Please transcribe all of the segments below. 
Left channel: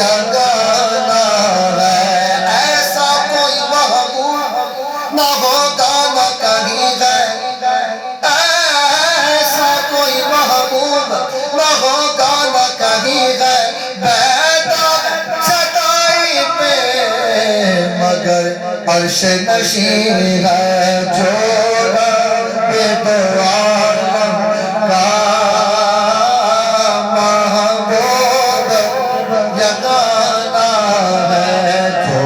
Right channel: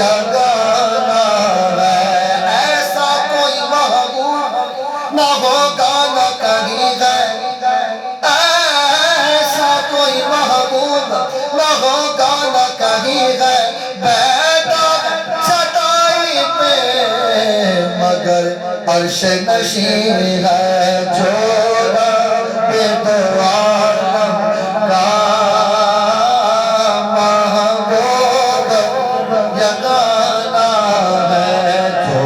یگانا ہے، ایسا کوئی محبوب نہ ہوگا نہ کہیں ہے، ایسا کوئی محبوب نہ ہوگا نہ کہیں ہے، بیٹھا چٹائی پہ مگر عرش نشین ہے، جو رب دو عالم کا محبوب یگانا ہے، جو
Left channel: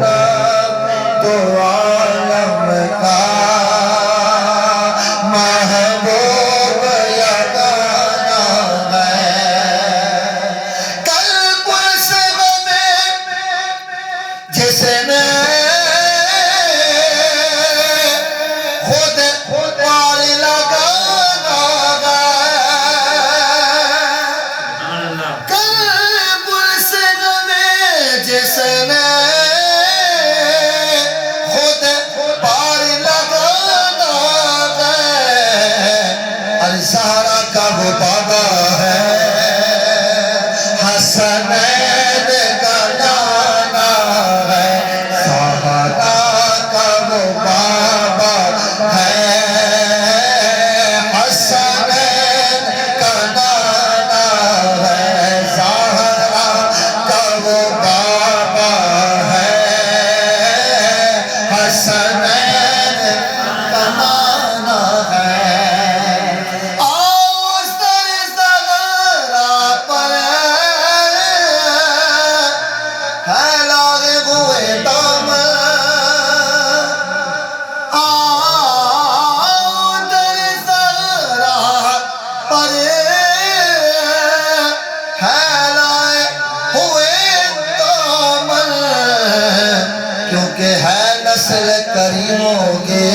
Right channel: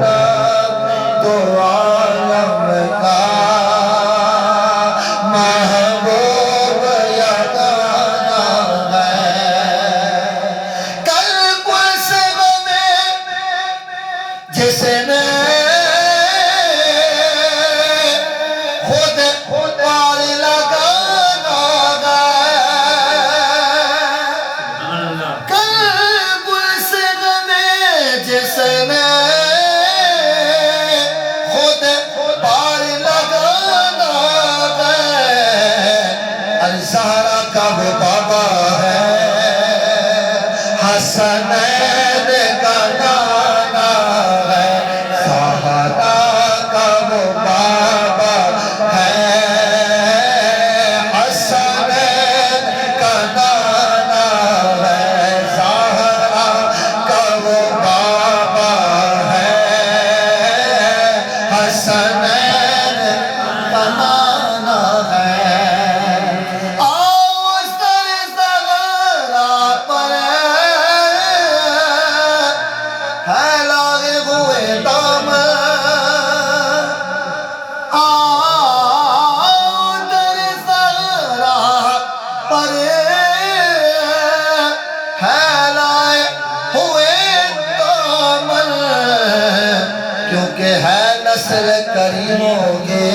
رب دو عالم کا محبوب یگانا ہے۔ کل پرس غمِ جس نے خود پار لگانا ہے، کل پرس غمِ جس نے خود پار لگانا ہے، الزہرا کا وہ بابا ہے، حسنین کا نانا ہے، زہرا کا وہ بابا ہے، حسنین کا نانا ہے، زہرا کا وہ بابا ہے، حسنین کا نانا ہے۔ آؤ سر زہرا پر پھیلائے ہوئے دامن، آؤ در زہرا پر پھیلائے ہوئے دامن، کیونکہ ہے نسل کریموں کے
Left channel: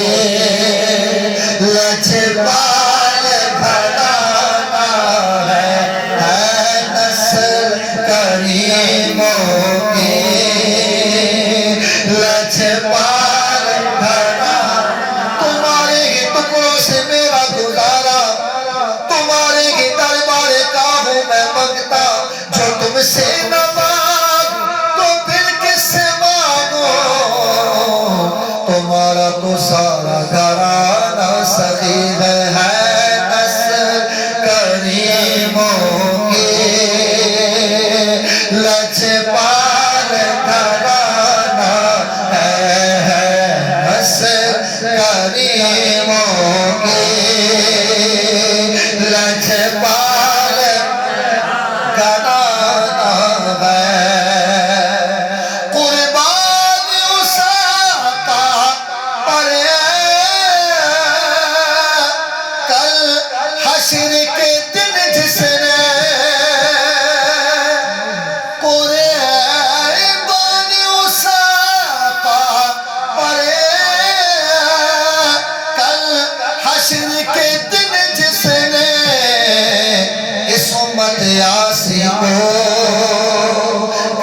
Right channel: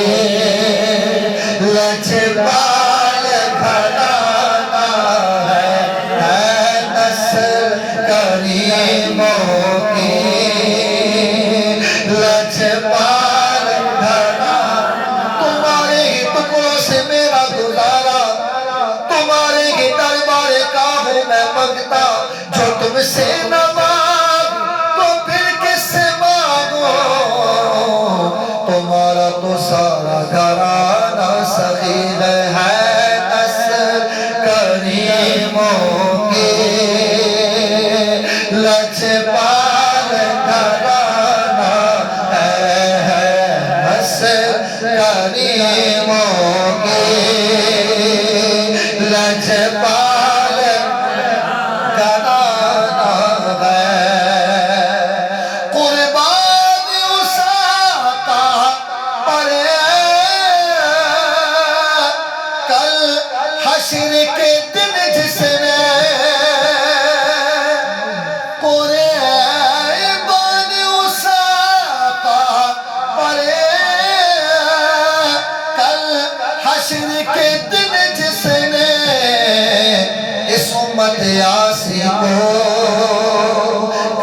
لجپال گھرانا ہے نسل کریموں کے لجپال گھرانا، تمہارے ہی ٹکڑوں سے میرا گزارا، تمہارے ہی دربار کا ہوں میں منگتا، جو تم سے نہ مانگ تو پھر کس سے مانگو، تمہارا تو سارا گھرانہ سعید ہے نسل کریموں کے لجپال گھرانہ ہے نسل کریموں کے لجپال گھرانہ ہے۔ قربان اس آقا پر کل حشر کے دن جس نے، قربان اس آقا پر کل حشر کے دن جس نے، اس امت یاسی کو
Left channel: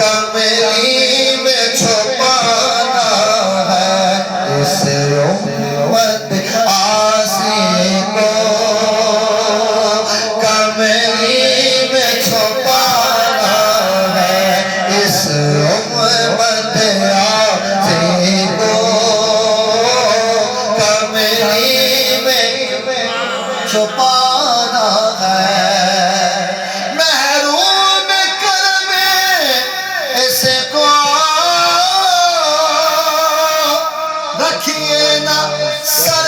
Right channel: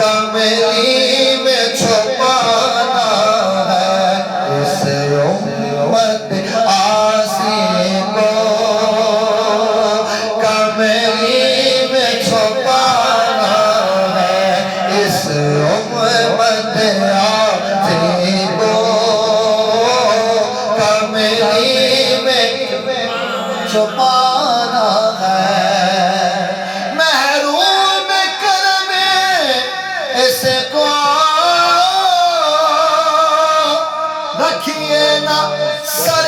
کمری میں چھپانا ہے، اس امت یاسی کو کمری میں چھپانا ہے، اس امت یاسی کو کمری میں چھپانا ہے، محروم کرم اس کو رکھیے نہ سر